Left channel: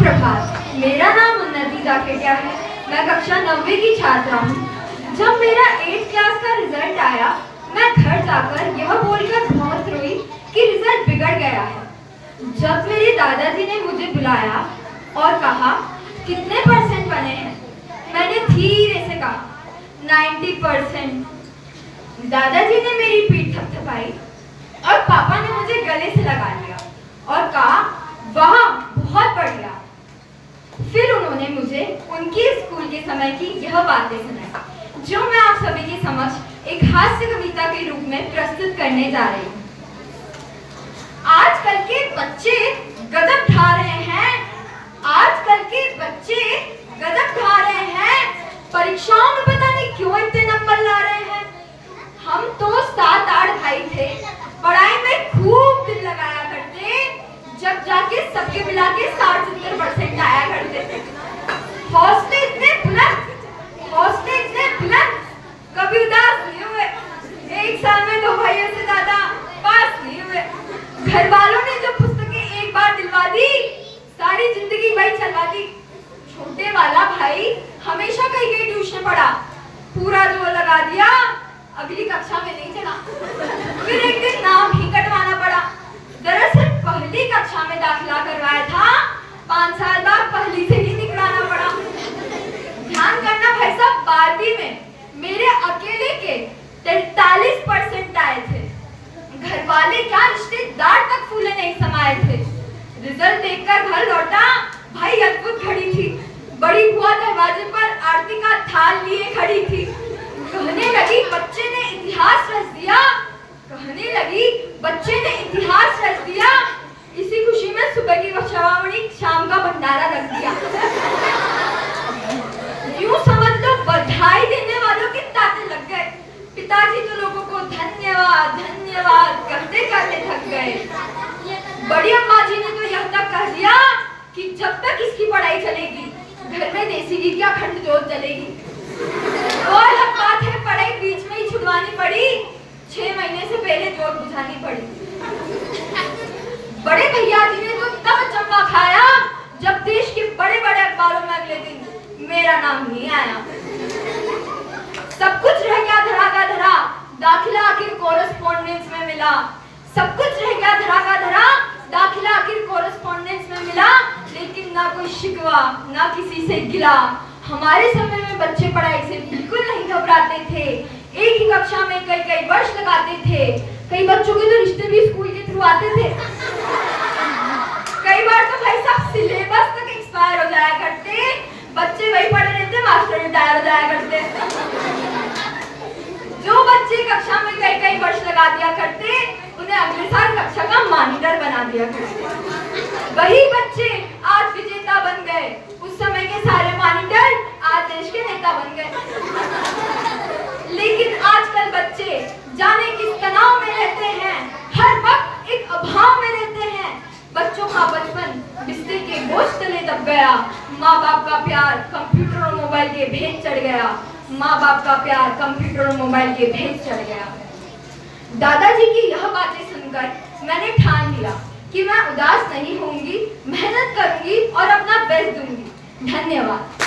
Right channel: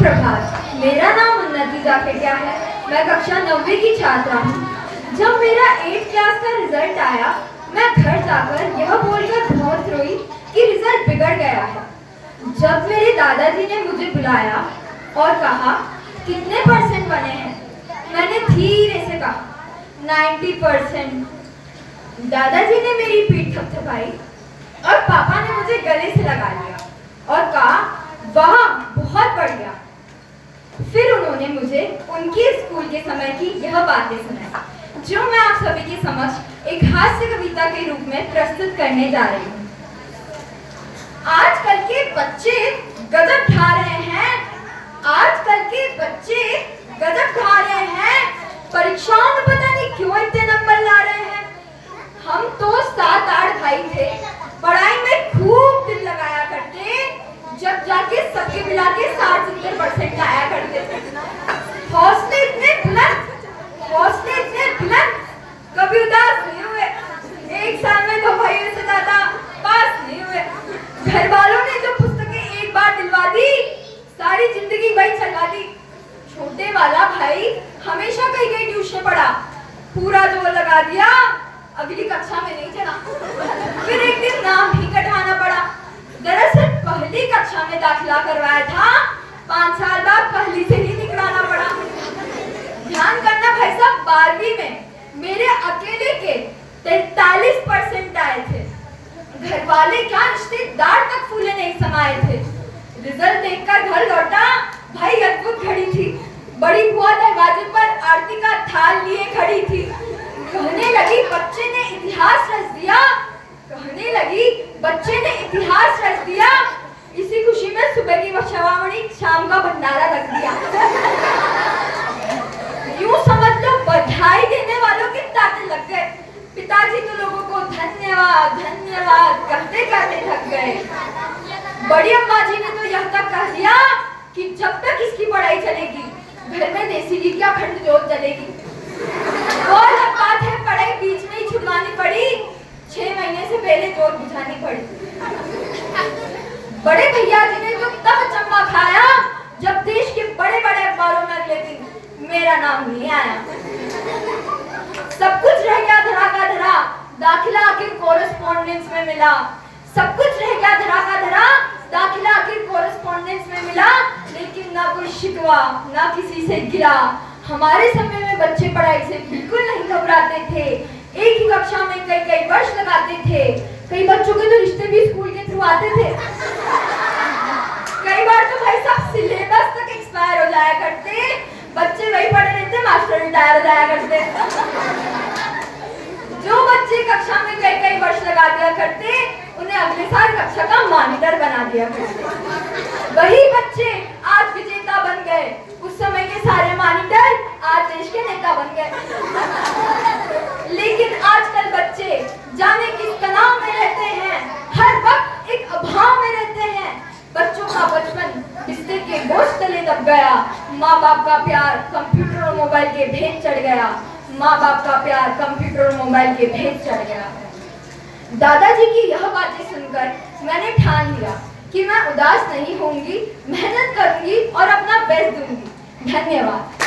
प्रभात, मेरा नाम उन्नति जाखेटिया है। मैं कक्षा 9वीं की छात्रा हूँ। जब मेरा 8th क्लास का रिजल्ट आया, मैं घर जाकर यह बोलकर बहुत रोई कि रिजल्ट बिगड़ गया है। जब मेरे दादाजी ने मुझे बुलाया और कहा कितने परसेंट बने हैं, मैंने धीरे से कहा 90%। दादाजी ने मेरी पीठ थपथपाई और पापा ने मुझे गले से लगा लिया और कहा वाह बहुत बढ़िया। फिर उन्होंने मुझे उनकी स्कूल के समय की यह बातें सुनाई, जो मैं आप सभी के समक्ष एक हास्य कविता के रूप में प्रस्तुत करने जा रही हूँ। आजकल के बच्चे गजब ढा रहे हैं, आजकल के बच्चे गजब ढा रहे हैं, परीक्षाओं में पता नहीं क्यों इतने नंबर ला रहे हैं। हम तो 7-8 भाई थे, पढ़ाई में खूब दिल लगाया करते, जब जाके सबके मिला के 60-70% आया करते थे। हौसले इतने बुलंद, कभी उदास नहीं हुए। एक साल में 2 भाइयों से ज्यादा पास नहीं हुए। घर वालों ने जो पुस्तकें एक बार दिलवा दी, सारी जिंदगी वही चलवा दी। छोटे वाला भाई हमेशा कहीं ट्यूशन पढ़ा, पूरा जोर लगा दिया, अगली कक्षा में नहीं चला। फिर एक दिन नाम ही कटवाना पड़ा। दरअसल पहली कक्षा में दाखिला करवाया था, 5 साल बाद पहली से ही निकलाना पड़ा। ध्यान करना भाई साहब, 12वीं में मेरे अकेले के 43% आए थे। घर वाले क्या रिश्तेदार तक फूले नहीं समाये थे। रिजल्ट देखकर घर लौटा, भाई अद्भुत घड़ी थी। बड़ी बुआ दरवाजे पर आरती का थाल लिए खड़ी थी। कहने लगी बच्चे ने इतिहास रच दिया, कहने लगी बच्चे ने इतिहास रच दिया। इसी खुशी में सुबह की बछवामणी, शाम का भंडारा रख दिया। यूं समझ लो बधाई देने वालों के तांते लग गए। पिताजी तो लोगों को धन्यवाद धन्यवाद करते करते थक गए। बड़ी अम्मा जी ने तो यह तक कह दिया कि जब तक इसकी पढ़ाई चलेगी, घर में देसी घी की अखंड जोत जलेगी। और अब बात है पढ़ाई बीच में ही छुड़वानी पड़ी, 6 महीने से पहले जोत बुझानी पड़ी। बड़े भैया जी ने तो तब चंबा खाया जब देश के बड़े बड़े अखबारों में अगले दिन मेरा नाम नहीं आया। सब कुछ रह गया धरा का धरा, दाखिला आखिर कोरेस्पोंडेंस में मिला। सब कुछ रह गया धरा का धरा, दाखिला आखिर कोरेस्पोंडेंस में मिला। लेकिन ना कोई शिकवा, ना किसी से गिला। हमारे समय में बच्चे पढ़ाई से बिल्कुल नहीं घबराते थे। एक ही कक्षा में कई वर्ष लगाते थे। कई बच्चों के तो रिश्ते भी स्कूल के थ्रू आते थे। कई बार तो भाई साहब सिलेबस तक एक्सपायर हो जाया करते, बच्चे वही पढ़े रहते, मास्टर रिटायर हो जाया करते। जो बच्चे कक्षा में कई वर्ष लगा दिया करते, उन्हें अगले साल कक्षा का मॉनिटर बना दिया करते। वही बच्चे आज विजेता बन गए। उस समय के सारे मॉनिटर आज देश के नेता बन गए। लेकिन आजकल बच्चे जाने किस तनाव में रहते हैं, हर वक्त एक अभाव में रहते हैं। बच्चों का बचपन बिस्तर के बोझ तले दब गया। माँ बाप का प्यार कंप्यूटर और मोबाइल के भेद चढ़ गया। माँ बाप का प्यार कंप्यूटर और मोबाइल के भेद चढ़ गया। दादाजी की यह बातें सुनकर मैंने ठान लिया कि मैं उदास नहीं होंगी, मेहनत करूंगी और अपना बेस्ट दूंगी। धन्यवाद।